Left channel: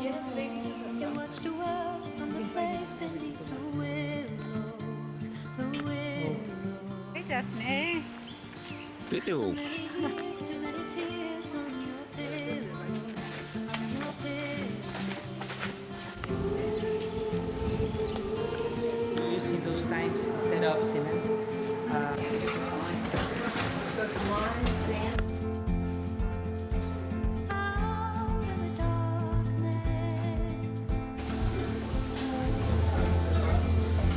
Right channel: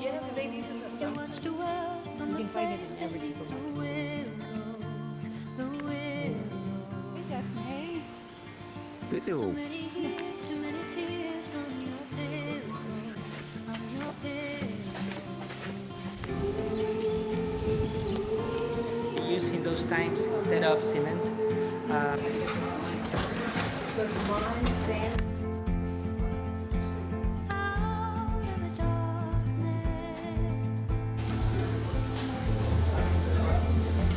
You watch the world from the place beneath the willow, the willow. Hey, Daphne. So many years, too many tears on your pillow, on your pillow. Using those times instead of cement. Out in the darkness.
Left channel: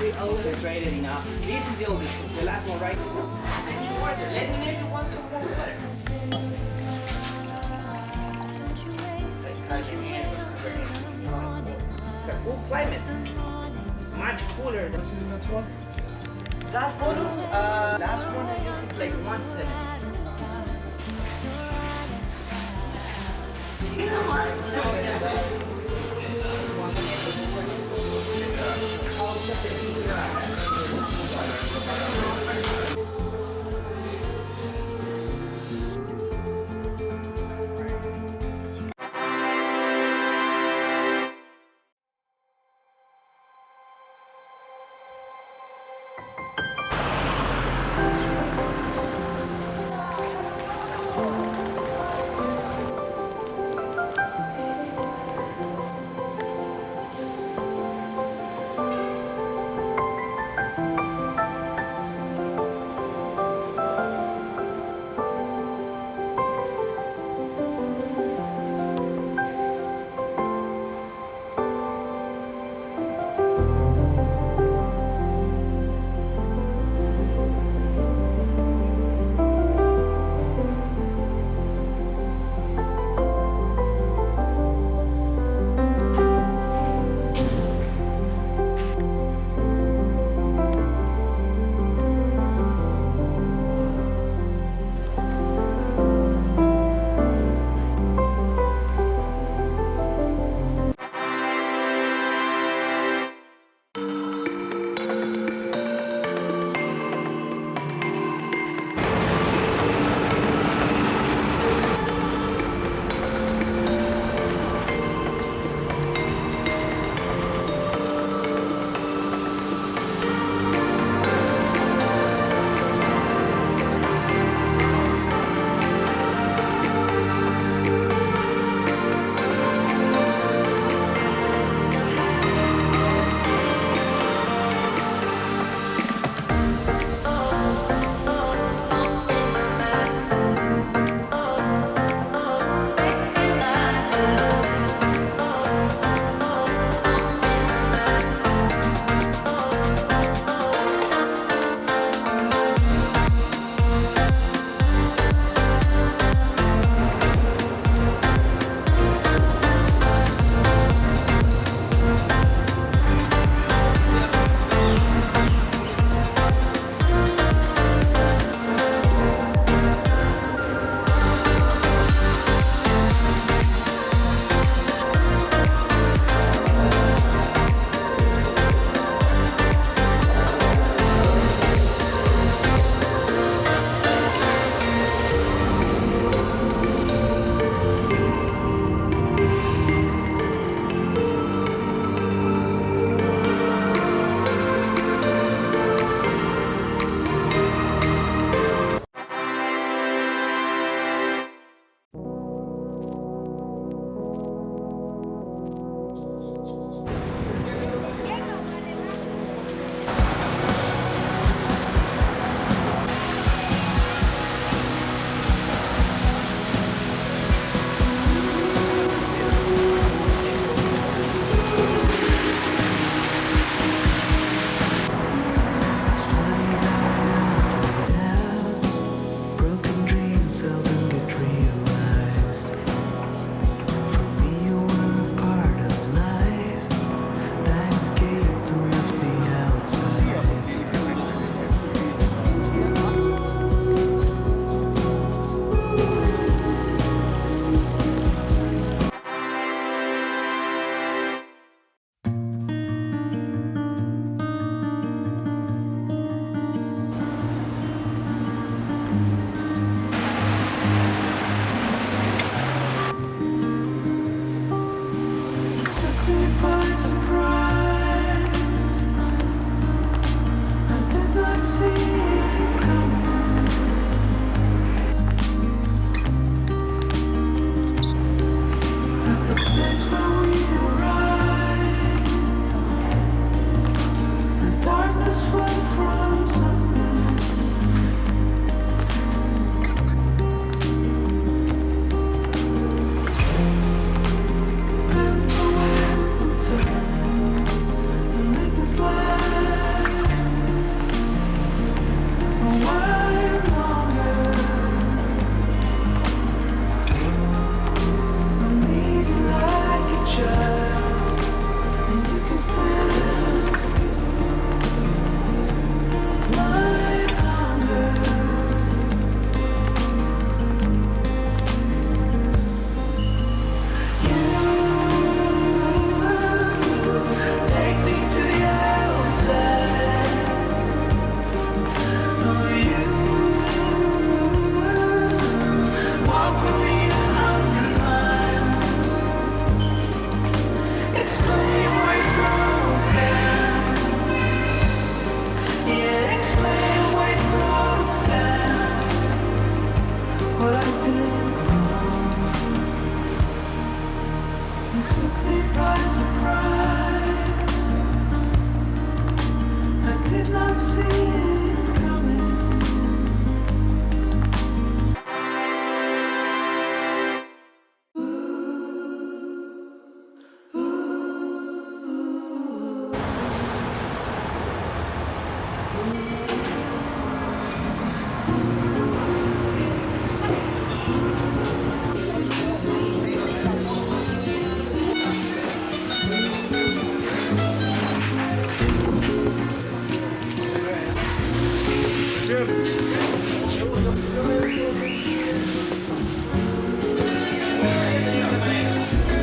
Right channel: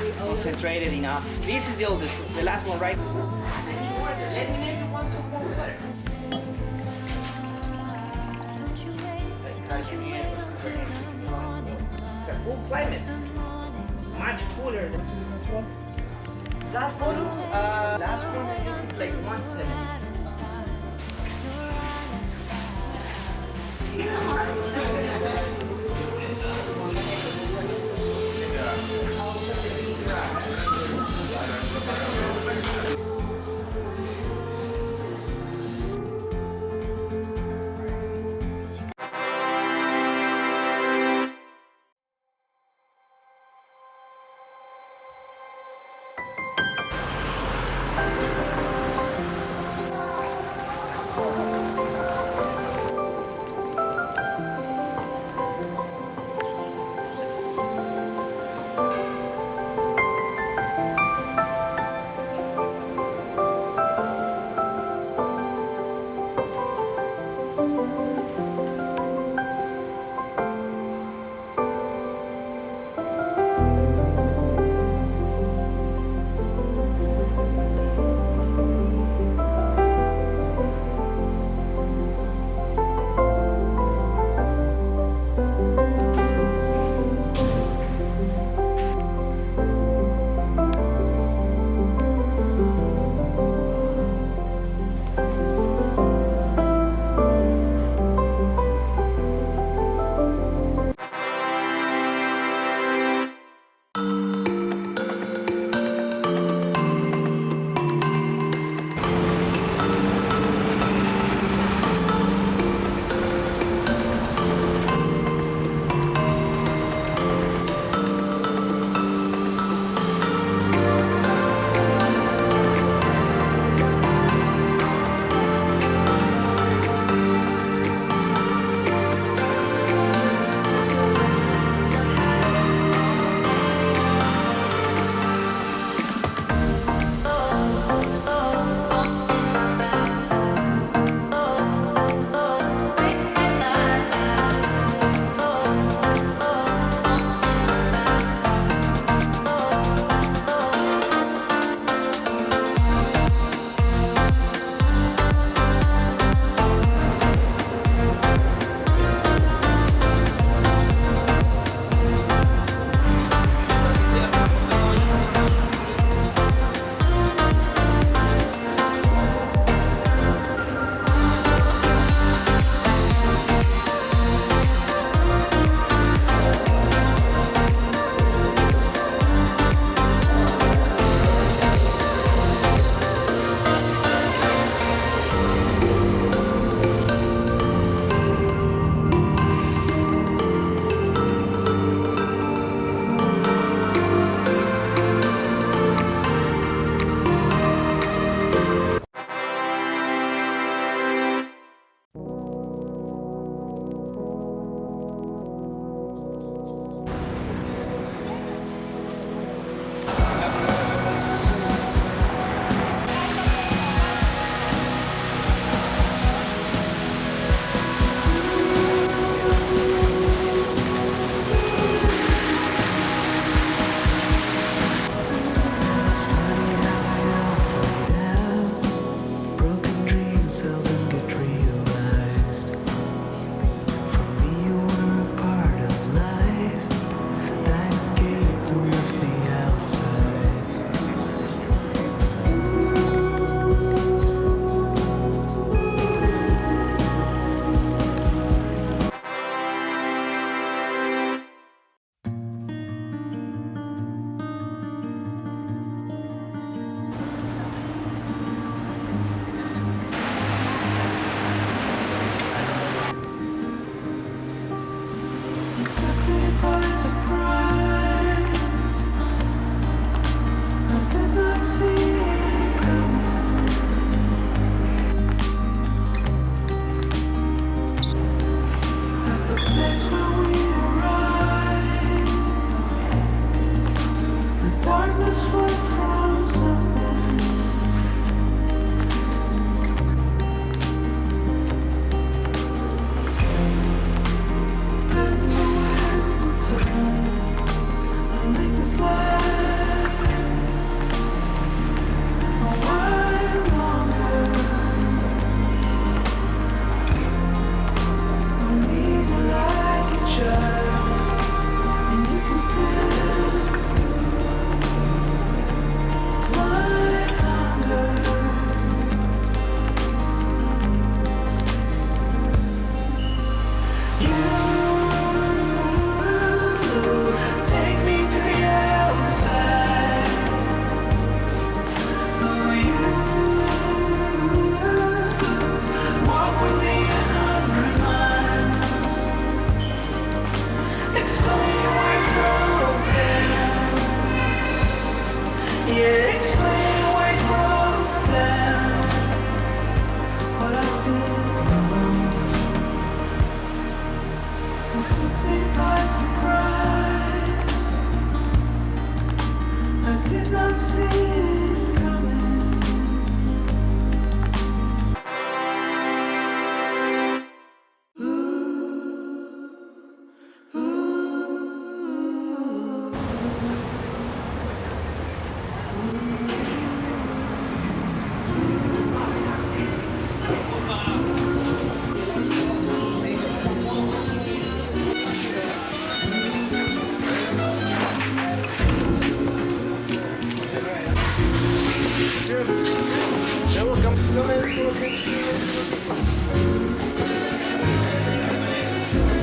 We concentrated enough. This is the oldest, the last one, right? Let me know you want some more water. Don't you wait until the morning It's a cool climate. Much cooler. Which is that one? That photo, last one I guess it's like 1/7. by surprise. I did not see it coming. At the place where we arrived, the darkness fled from something. And the will to hide and make this last a while longer. I need you like a child, and you can still my hunger. You take me to the outside. Oh, you walk with me 100 miles. Explain why you broke down. Yeah, explain why you broke down. What I did wrong. It took me by surprise. I did not see it coming.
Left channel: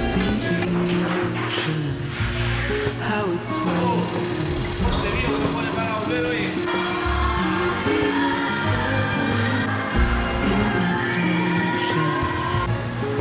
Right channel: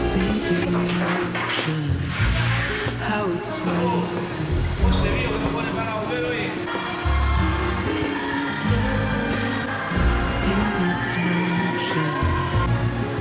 See the ocean, how it sways in the sun. In its motion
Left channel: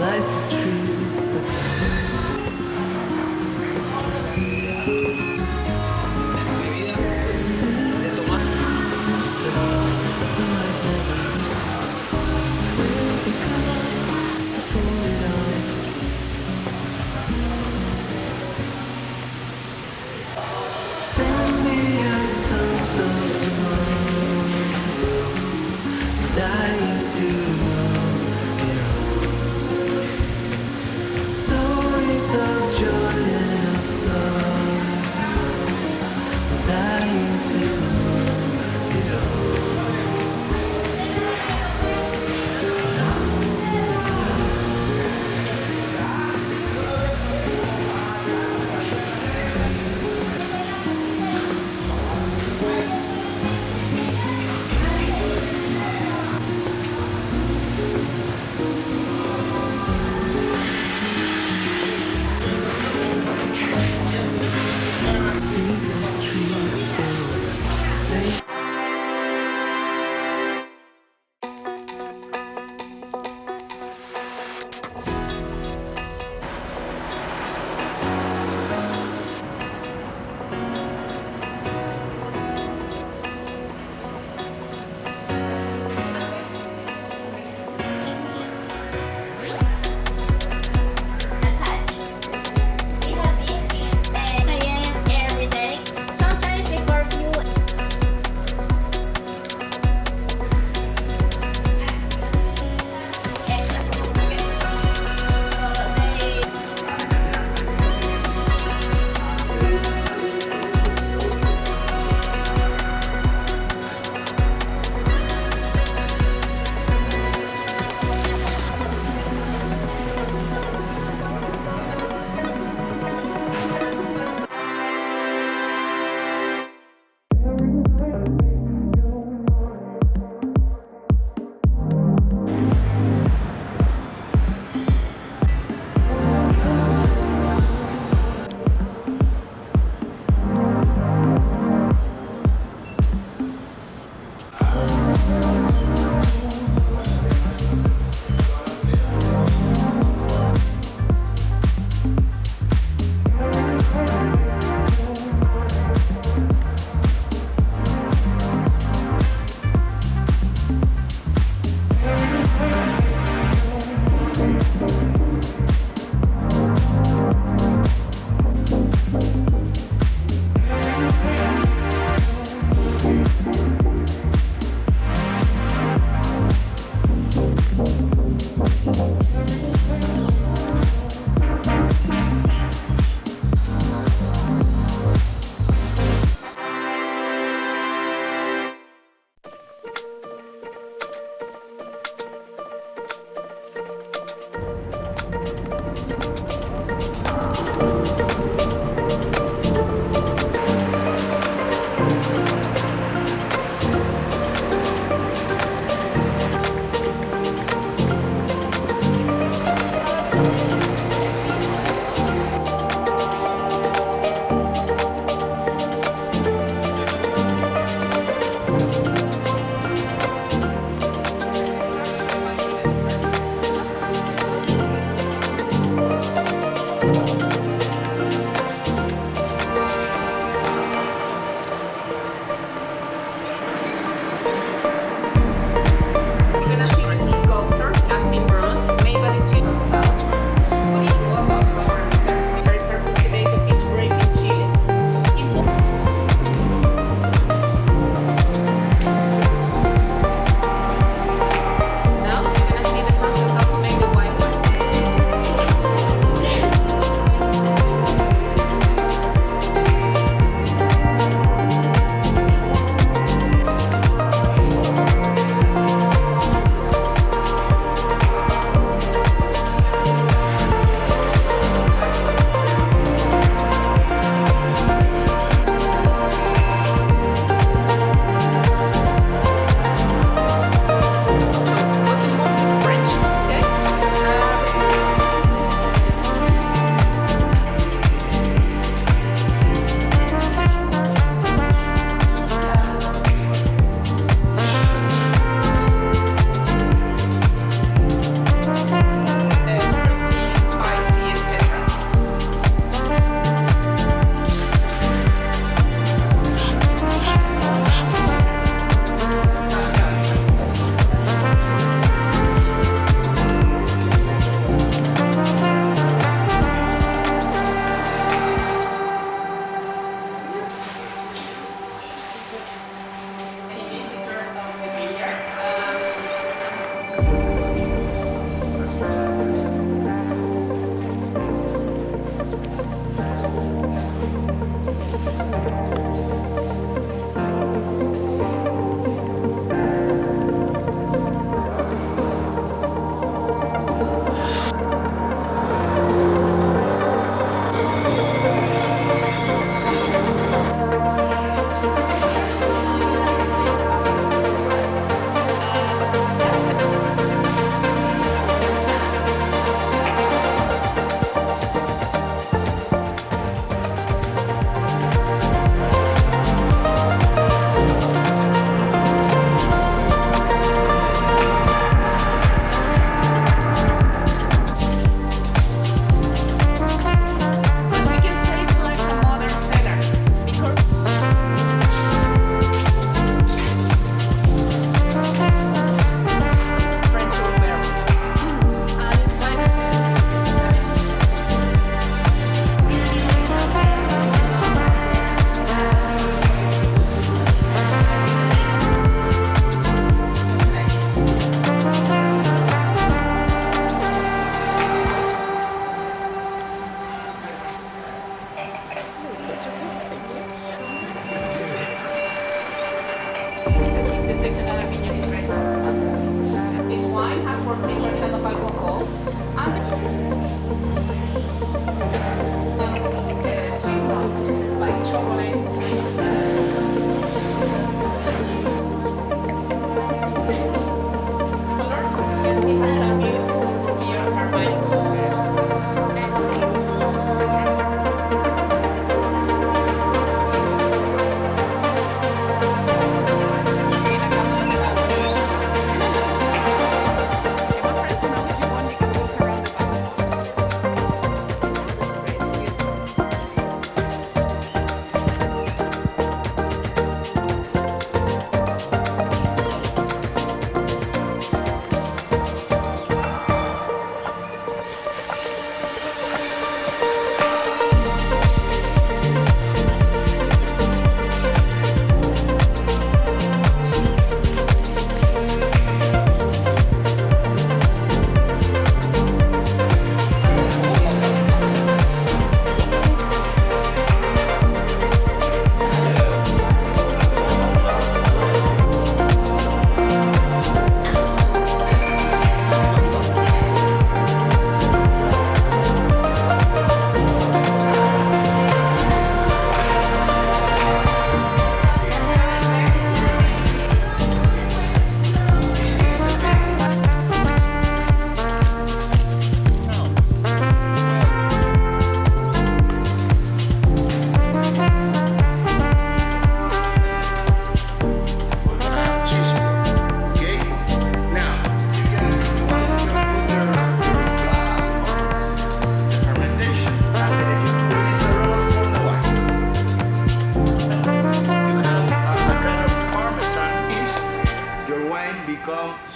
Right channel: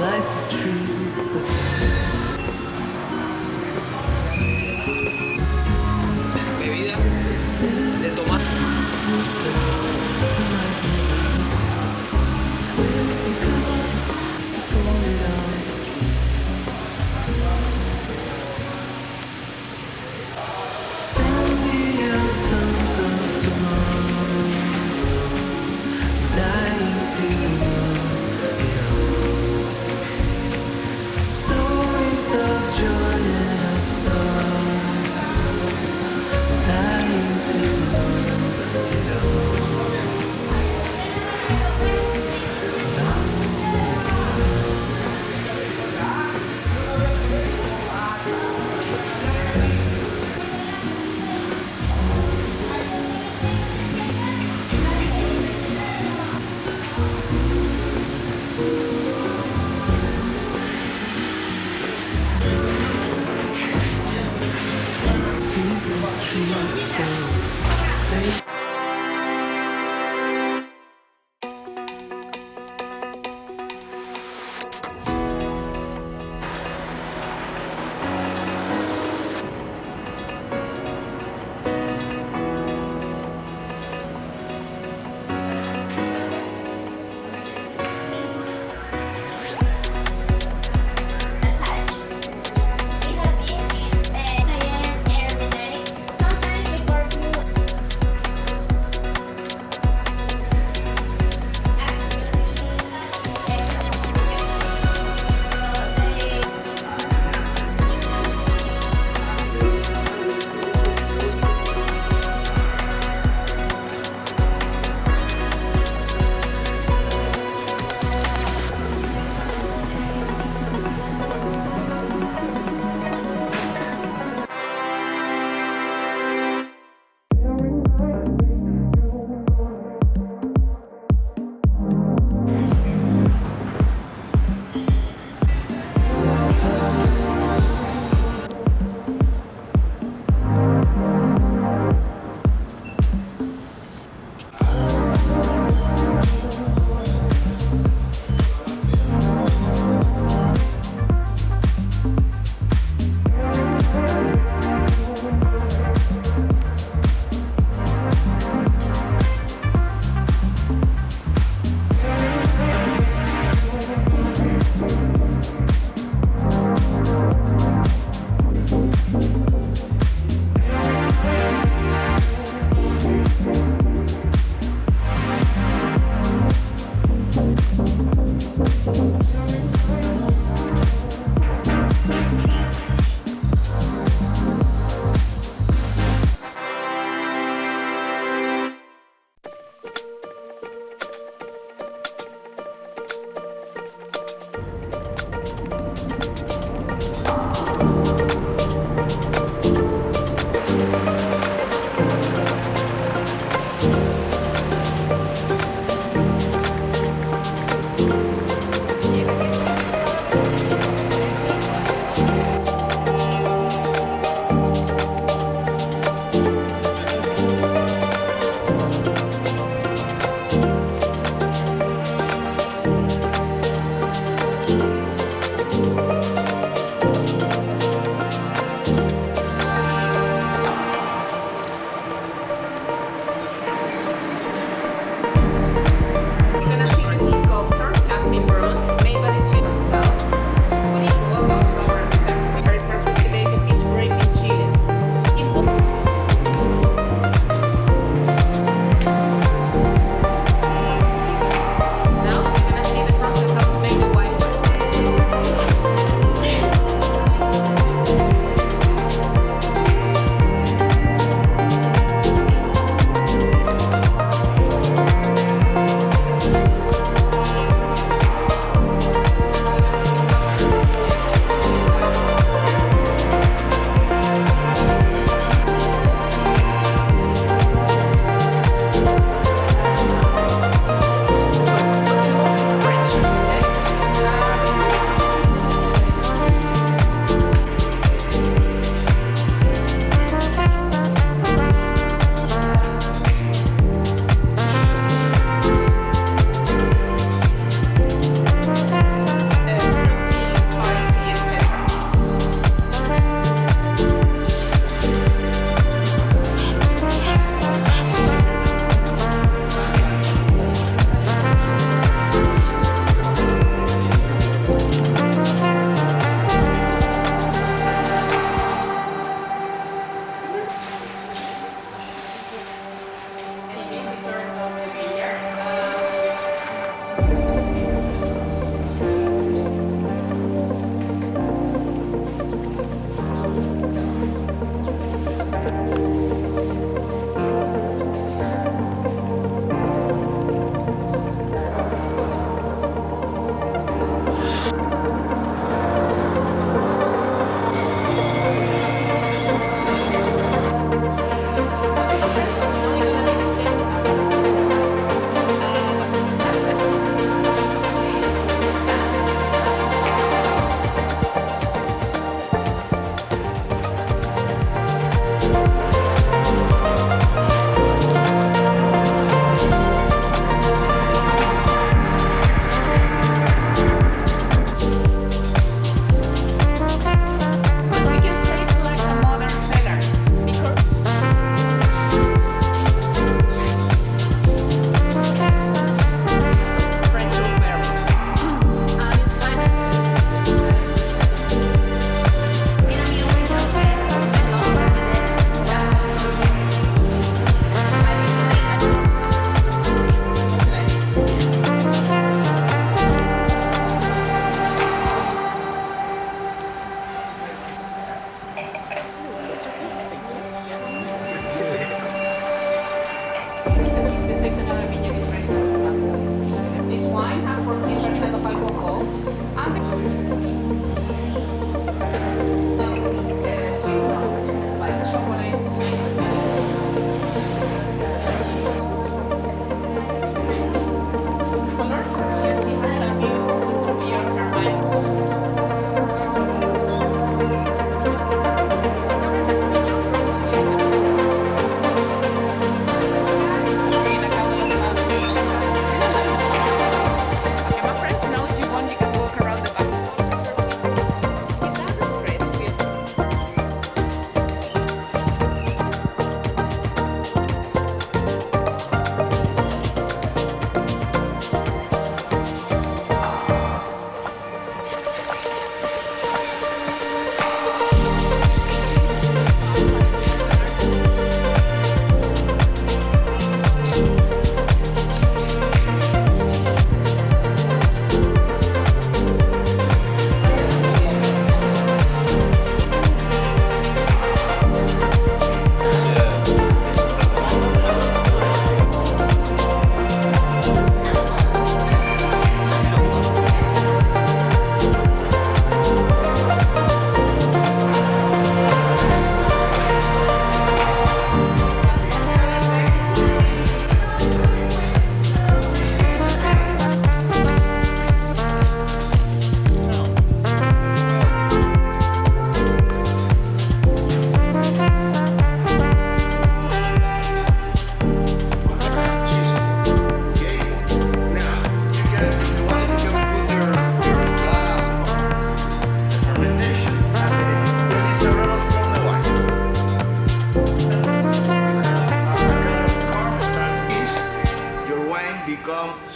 lies the truth about us. Bebida de tomar. Will become before it all begins. Send me your sons of tomorrow.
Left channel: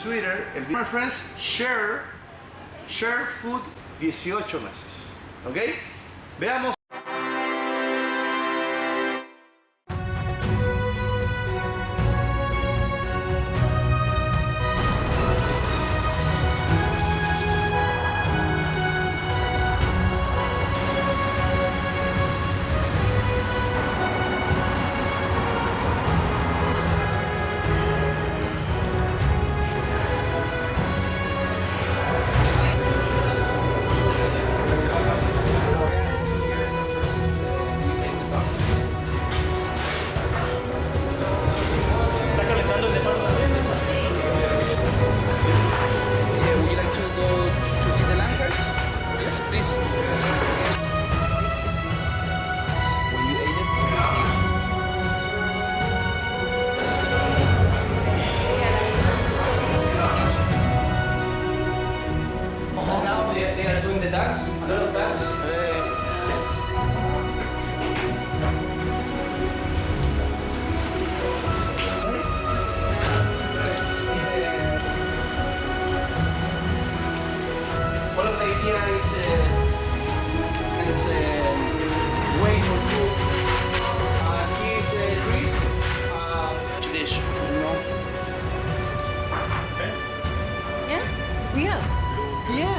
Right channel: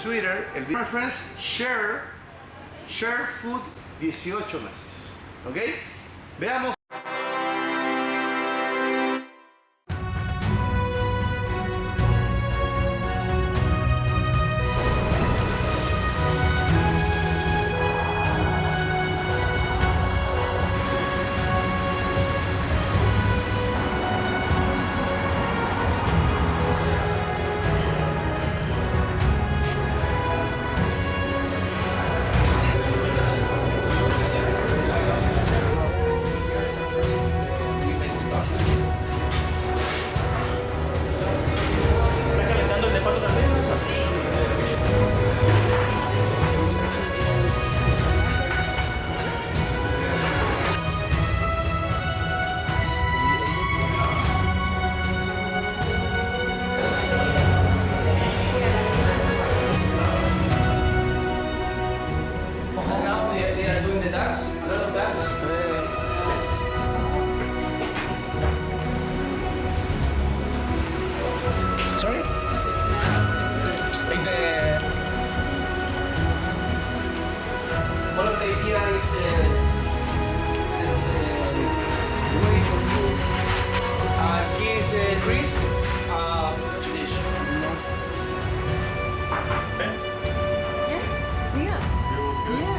sweeter. My friends, share food 18 meses. ¿Ok? Veamos. ¿Está calentando el de pato también? Now they are doing the ducks, a lot of ducks. Sorry? One of the itineraries is way for you. Here is Chris. Dish. Yeah, we are. Yeah.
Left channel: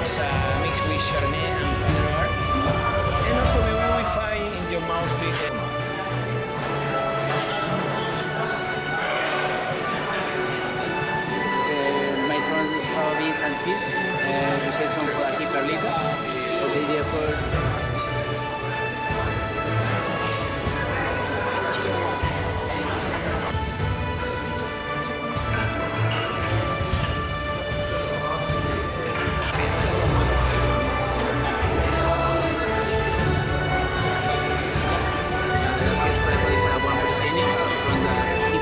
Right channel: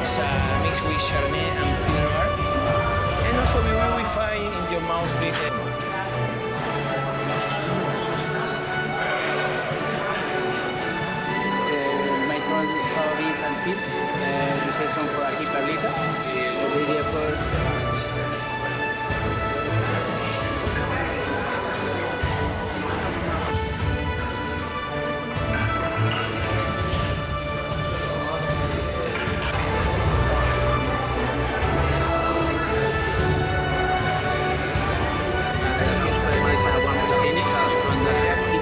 It's a mix with Chardonnay and Pinot Noir. And also we will find in your mouth with My beans and peas. We say some for aquí Pablita. The idea for it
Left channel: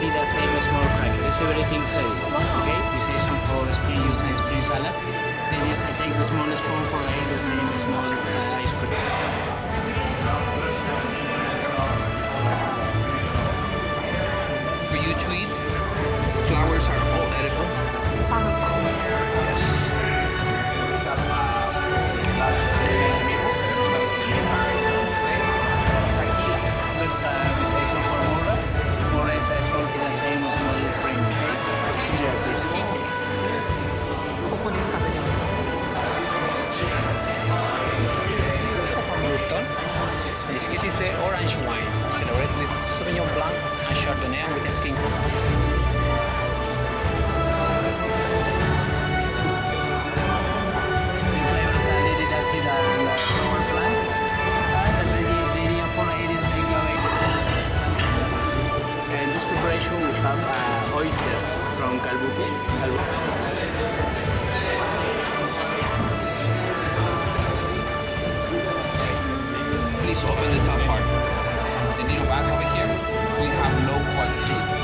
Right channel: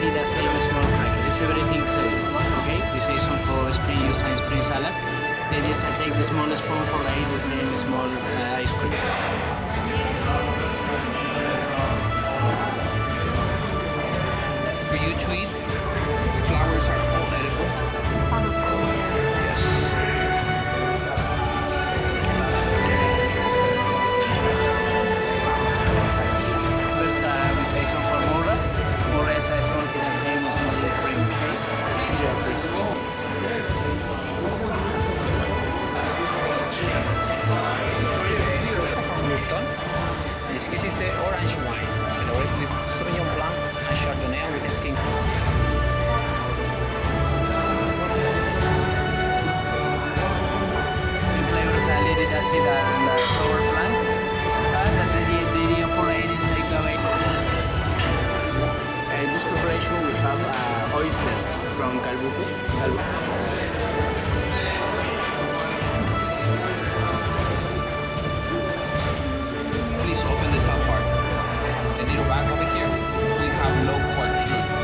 is the same small cracker. It's everything same. Okay? We say some for spring juice and spring salad. The idea is I take the small spoon for the same small ice cream. For you to eat, flowers are all edible. Yes. First, we say some for Mora. Mora is a small thing, the same small cream. Okay? Enjoy, please. Burton. This is the orange wine, celebrated with Sauvignon Blanc and Chardonnay and with skin. The flavors are a little acid and sour plant. And the idea for it is take away. In this preparation we have oysters from Calbuque. Please open the top part. The little bag over here, we have low quality fruit.